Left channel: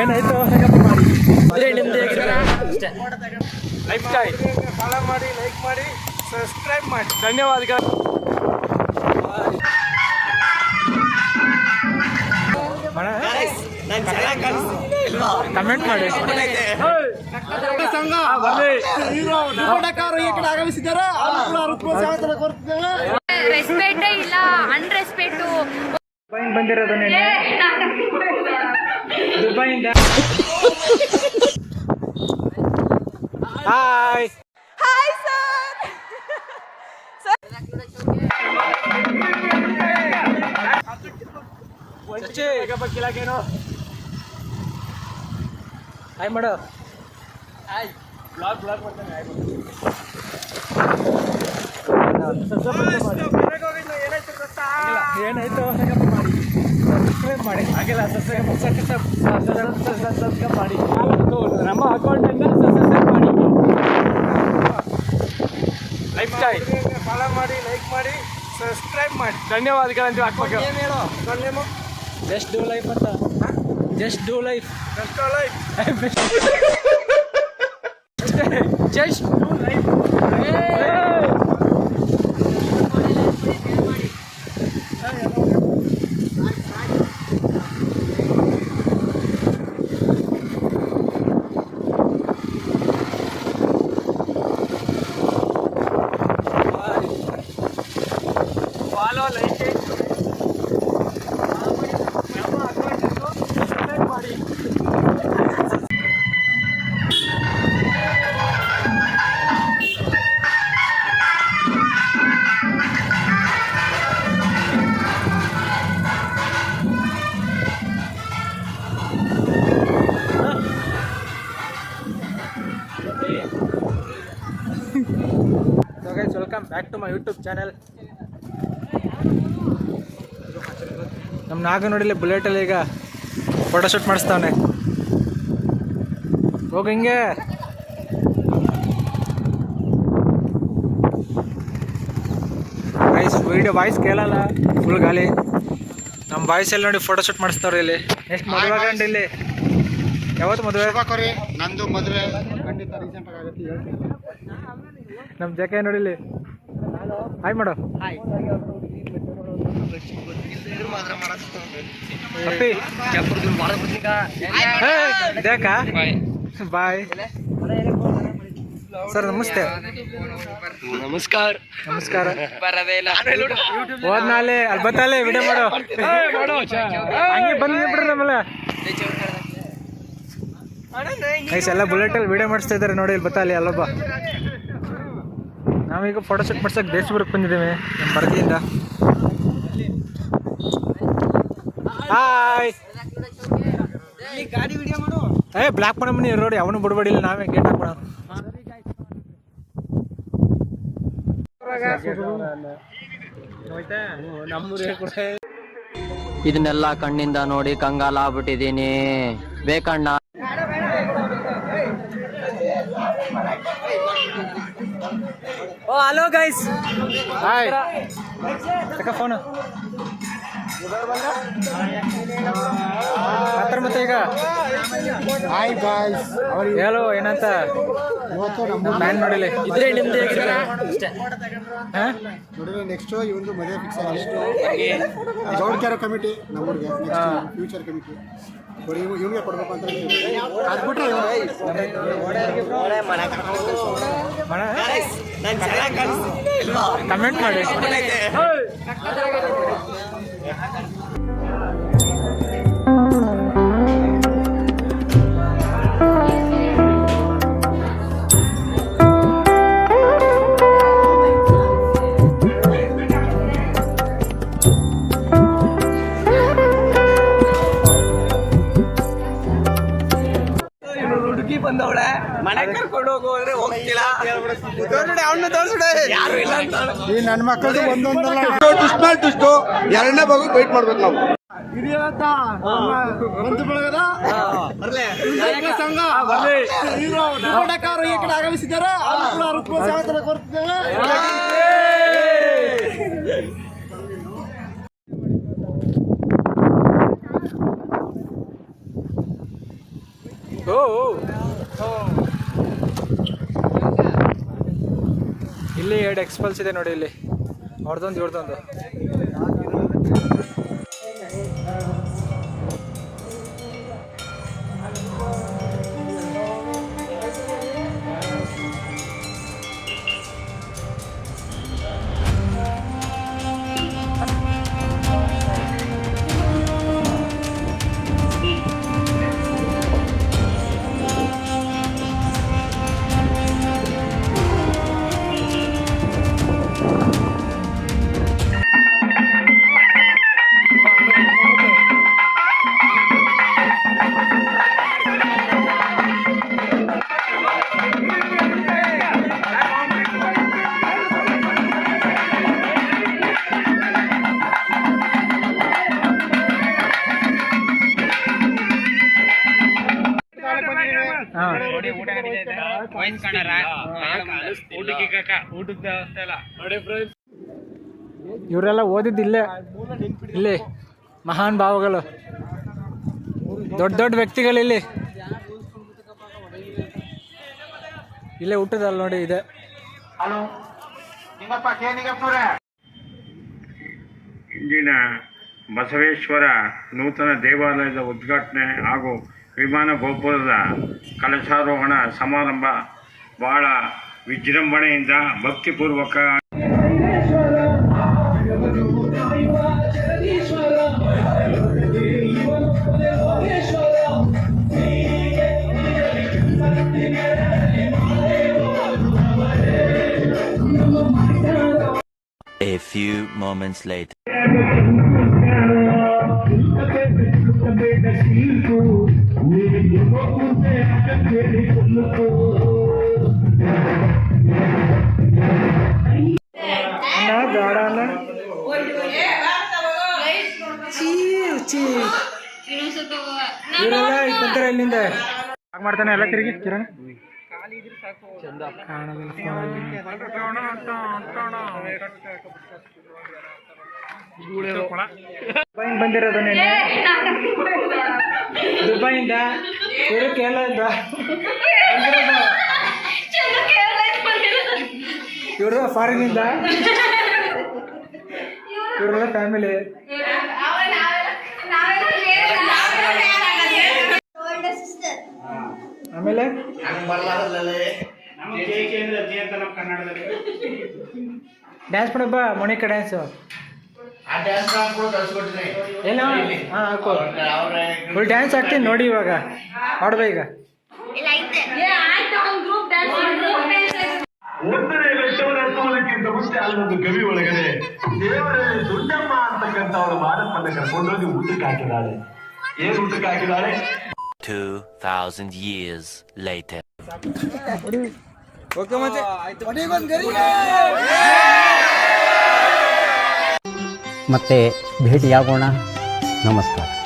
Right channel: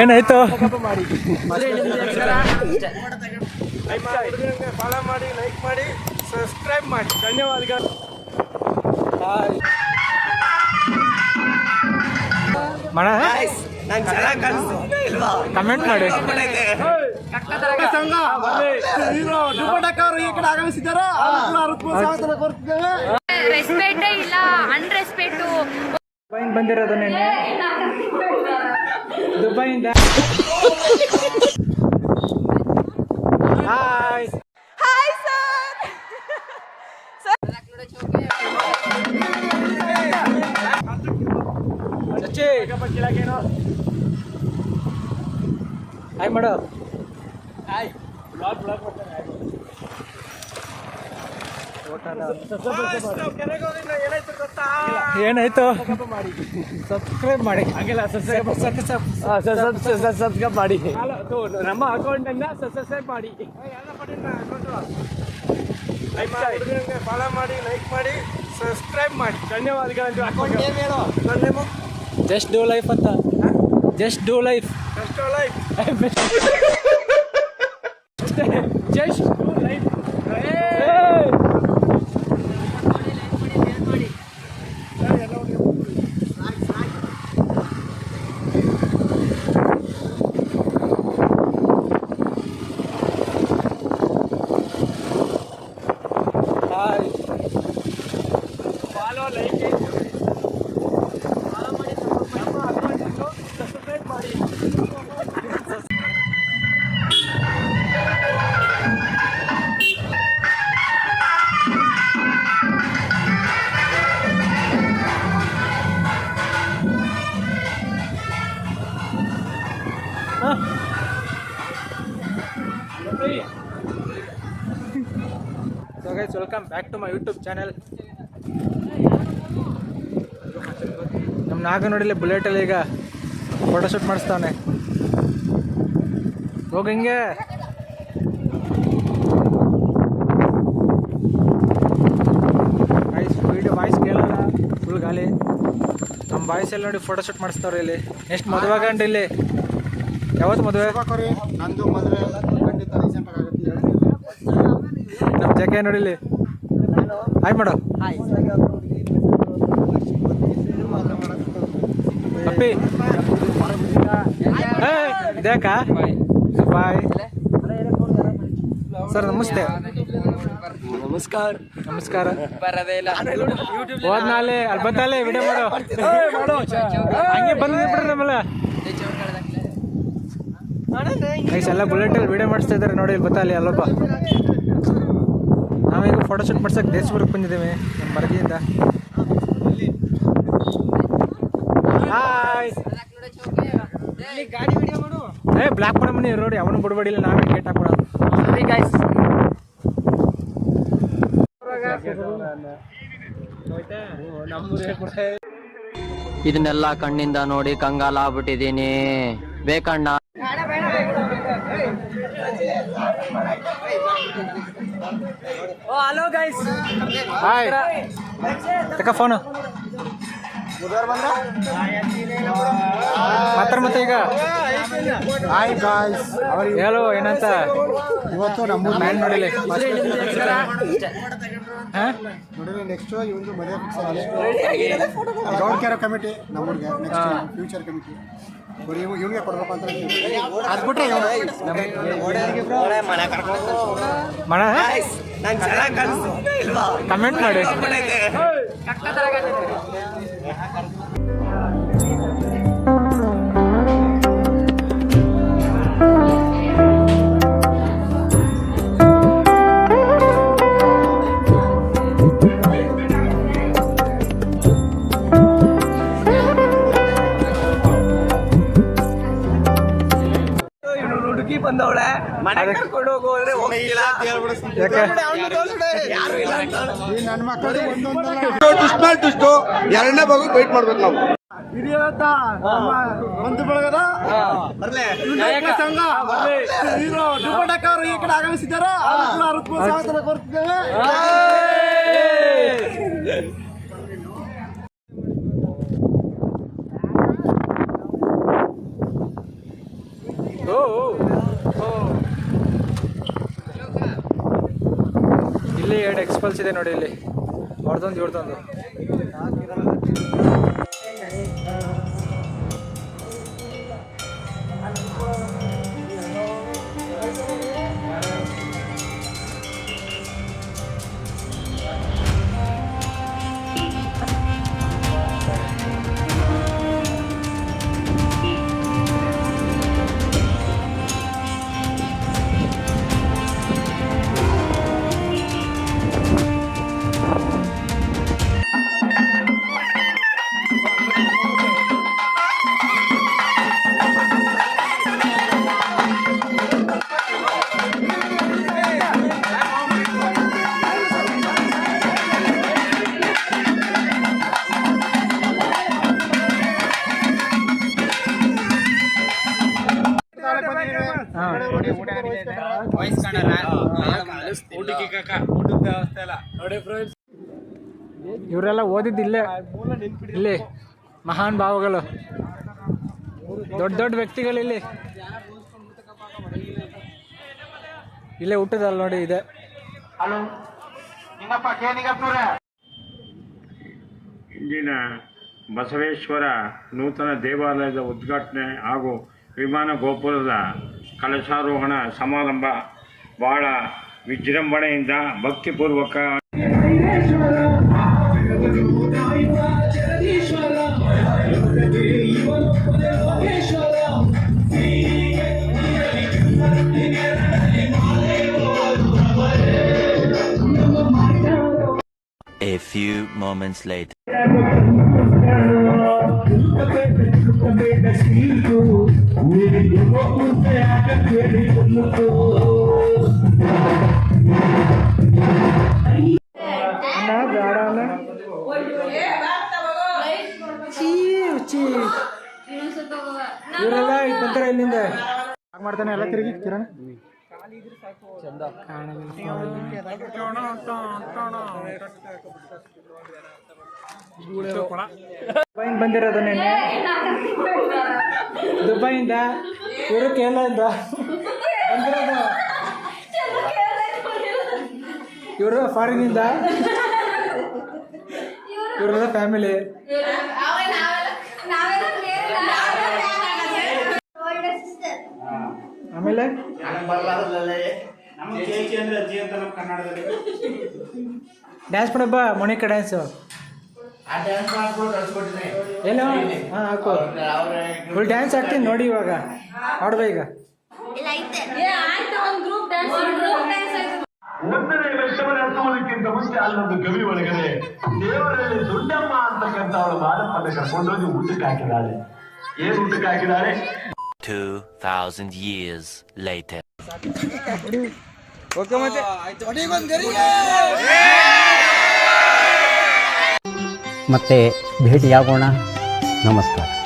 ಏನಾಯ್ತು? ಫಾಲೋ ಮಾಡಿ, ಲೈಕ್ ಮಾಡಿ, ಸಬ್ಸ್ಕ್ರೈಬ್ ಮಾಡಿ. ಧನ್ಯವಾದಗಳು. ಕಮೆಂಟ್ ಮಾಡಿ. ಸಂಘ ದುಪ್ಪಟಕ್ಕವರು ಈ ಕಡೆ ಆಗಮಿಸಿದ್ದಾರೆ. ಸ್ವಾಗತ ಕೋರುತ್ತಿದ್ದೇವೆ. ರೆಸ್ಪೆಕ್ಟೇ ಇಲ್ಲ, ಅನ್ರೆಸ್ಪೆಕ್ಟು. ಬಂದಿರೋದು ದುಬೈಯಿಂದ. Hi hi sir. Hi madam. ಏನಾಯ್ತು? ಸಬ್ಸ್ಕ್ರೈಬ್ ಮಾಡಿ. ಆಗಿಲ್ಲ, ಸಬ್ಸ್ಕ್ರೈಬ್ ಮಾಡಿ. ನಮ್ಮ ಅಕೌಂಟಿಂದ ಸಬ್ಸ್ಕ್ರೈಬ್ ಮಾಡಿ. ಫಾಲೋ ಮಾಡಿ, ಲೈಕ್ ಮಾಡಿ, ಸಬ್ಸ್ಕ್ರೈಬ್ ಮಾಡಿ. ಧನ್ಯವಾದಗಳು. ಅಕೌಂಟ್ ನೇಮ್ ಹೇಳೋ. ನನ್ನ ನೇಮು ಜಸ್ಟ್ ಡೂ ಲೈಫ್ ಅಂತ. Just do life. Just life. Just do life. So guys, welcome back to my YouTube channel. ನಮ್ಮ ನಾಗ ನೋಡಿಲ್ಲ ಬುಲೆಟಲ್ಲಿ ಈಗ ಫೋಟೋಶೂಟ್ ಮಾಡಿಸ್ತಾವನೆ. ಹೋಗಿ ಹಿಂಗೆ. ವಾಯ್ಸ್ ಕೇಳಲ್ಲ, ಫುಲ್ ಗಾಳಿ. ನಮ್ಮ ವಾಯ್ಸಲ್ಲಿ ನೋಡಿ ಫೋಟೋಶೂಟ್ ಮಾಡಿಸ್ತಾವ್ರೆ ಇಲ್ಲಿ. ನೆಕ್ಸ್ಟ್ ಮದುವೆ ಗಂಡು ಇಲ್ಲಿ. ಯಾವತ್ತು ಮದುವೆ? ನಂದು ಮದುವೆ ಖಂಡಿತ ರೀಸೆಂಟ್ ಆಗುತ್ತೆ. ನಮ್ಮ ಜಕ್ಕೆ ನೋಡಿಲ್ಲಿ. Hi madam. ಅಪ್ಪಿ ದೇಕಾ ಬಾಯ್ ಸರ್. ನಮಸ್ತೆ. ನಮಸ್ಕಾರ. ನಮಸ್ಕಾರ. ಹೋದ್ನಾಲೆ ಅಲ್ಲಿ ಬತ್ತಾಲೆ ವಿಡಿಯೋ ಮಾಡೋ. ಹಂಗೆ ಬಂದು ಬಿಡ್ರಿ ನಮ್ಮಲ್ಲ. ಗೈಸ್ ಎಲ್ಲ ಬುಲೆಟಲ್ಲಿ ವಿಡಿಯೋ ಮಾಡಿಸ್ತಾ ಇದ್ದಾರೆ ನೋಡಿ. ಇಲ್ಲಿ ಬತ್ತಾಲೆ ಅಲ್ಲೊಬ್ಬ. ನಾವೀಗ ಫೋಟೋಶೂಟ್ ಮಾಡ್ಸಕ್ಕೆ ದೇಶಪುರಕ್ಕೆ ಬಂದಿದ್ದೇವೆ ನಮ್ಮ ಮರದಿಯಿಂದ. ಹಾಯ್. ಬ್ಲಾಕ್ ಮಾಡಮ್ಮನಿ ರೋಡ್ ಅವನು ಬಿಡ್ಬೇಡಿಲ್ಲ, ನಾವೇ ಗೇಟ್ ಹಾಕೋಣ. ಇದನ್ನೆಲ್ಲ ಕಣ್ಣಿಂದ ನೋಡಿ ಕಂಗಾಲ ಆಗ್ಬಿಟ್ಟಿದೀನಿ. ಬೇಕಣ್ಣ. Hello guys. ಹಾಯ್. ತಕ್ಕ ಫೋನು ಮತ್ತೆ ಈಗ. Hi guys. ಹೇಳು ಏನಂತ. ಇವತ್ತು ನಮ್ಮ ಪ್ಯಾನ್ ನೋಡಿಲ್ಲ. ನೋಡಿದ್ರೆ ನೆಕ್ಸ್ಟ್ ಇವನು ಮದುವೆ ಫಿಕ್ಸ್ ಆಗಿದೆ. ಗೌಡ್ ಕ್ಯಾರೋ ಕಮಿಟಿ ನಮ್ಮೂರಿಗೆ ಫ್ಯೂಚರ್ ಕಮಿಟಿ ಬರೀ ಇವನಿಗೆ ಕೊಡ್ಬೇಕು ಅಂತ ಅದು ಬಿಟ್ರೆ ಕಮೆಂಟ್ ಮಾಡಿ. ಬಂದವಳೆ ಮನೆ ಕರ್ಕೊಂಡು ಹೋಗೋದ್ರೆ ಹೋಗ್ತಿಲ್ಲ. ನನ್ನ ಮಕ್ಕಳಿಗೆ ಒಂದೊಂದು ಎರಡನೇ ಭಾಗ ವೇಟ್ ಮಾಡ್ಬೇಕು ನಾವು. ಹಿರಿಯಂತ ಬಂಧು ಬಳಗದ ಸಂಘ ಹೀರೋ ದುಪ್ಪಟಕ್ಕವರು ಈ ಕಡೆ ಆಗಮಿಸಿದ್ದಾರೆ. ಸ್ವಾಗತ ಕೋರುತ್ತಿದ್ದೇವೆ. ಓ ಇಲ್ಲಿ 2 ಎಕ್ಸ್ಪಲ್ಸ್ ಇದೆ ನೋಡಿ, ಇಲ್ಲಿ ಅವ್ರದ್ದೊಂದು ಇವ್ರದ್ದೊಂದು. ಇವರೆಲ್ಲ ಓದಿದ್ದು ಇಲ್ಲಿ ಮಹಾನ್ ಭಾವಗಳು, ದೊಡ್ಡ ದೊಡ್ಡ ವ್ಯಕ್ತಿಗಳಿಲ್ಲಿ ಇಲ್ಲೇ ಹುಟ್ಟದಲ್ಲ ನೋಡಿ ಇದೆ. ಇಂದಿನ ಬಸವೇಶ್ವರ ನೂತನ ದೇವಾಲಯದ ಉದ್ಘಾಟನೆ ಹಾಗೂ ವಿಮಾನ ಗೋಪುರದ ಕಲಶಾರೋಹಣ ಸಮಾರಂಭ ಬಹಳ ವಿಜೃಂಭಣೆಯಿಂದ ಭಕ್ತಿಪೂರ್ವಕ A few moments later. ಅಣ್ಣ ಬೇಡ ಅಣ್ಣ, ಇವರೆಲ್ಲ ಬಂತಾರೆ ಇಲ್ಲಿಂದ ಮಾಡ್ತಾನೆ ಎಲ್ಲ ತಿರುಗಿ ಕಿರಣ್ ದುಬೈಯಿಂದ ಬಂದಿರೋದು ನೆನ್ನೆ, ದುಬೈಯಿಂದ ಇವರು ಕೇರಳದಿಂದ ಬಂದಿರೋದು, ಇವರು ಫಾರಿನಿಂದ, ಇವರೆಲ್ಲ ಫ್ಯಾಮಿಲಿ. ಆಮೇಲೆ ಡ್ಯಾನ್ಸ್ ಮಾಡಬ್ಬ ಮೊಣಿಕ ಡ್ಯಾನ್ಸು ಏನೋ ಹಾಂ ಹಾಕೋ, ಫುಲ್ ಡ್ಯಾನ್ಸ್ ಆಡ್ತೀನಿ ನೋಡಿ. ಇವಾಗ ಆಡ್ಬ ಈಗ. ಒಂದನೇ ಲಕ್ಷವನ್ನು ಎತ್ತುವುದಕ್ಕಿಂತ ಮುಂಚೆ ಅಲ್ಲೊಂದು ಗವಿ ಒಳಗಡೆ ದೇವರಲ್ಲಿ ದುಡ್ಡಮ್ಮ ಅಂತಕ್ಕಂಥ ಅವಳು ಮಾದಪ್ಪನ್ನ ಕರ್ಕೊಂಡೋಗಿ ಊಟಕ್ಕೆ ಹಾಕಿದಾಳೆ. ಏನ್ ಊಟಕ್ಕೆ ಹಾಕಿದಾಳೆ? 2000 years later. ಮತ್ತೆ ಭೇಟಿಯಾಗೋಣ. ನಮಸ್ಕಾರ.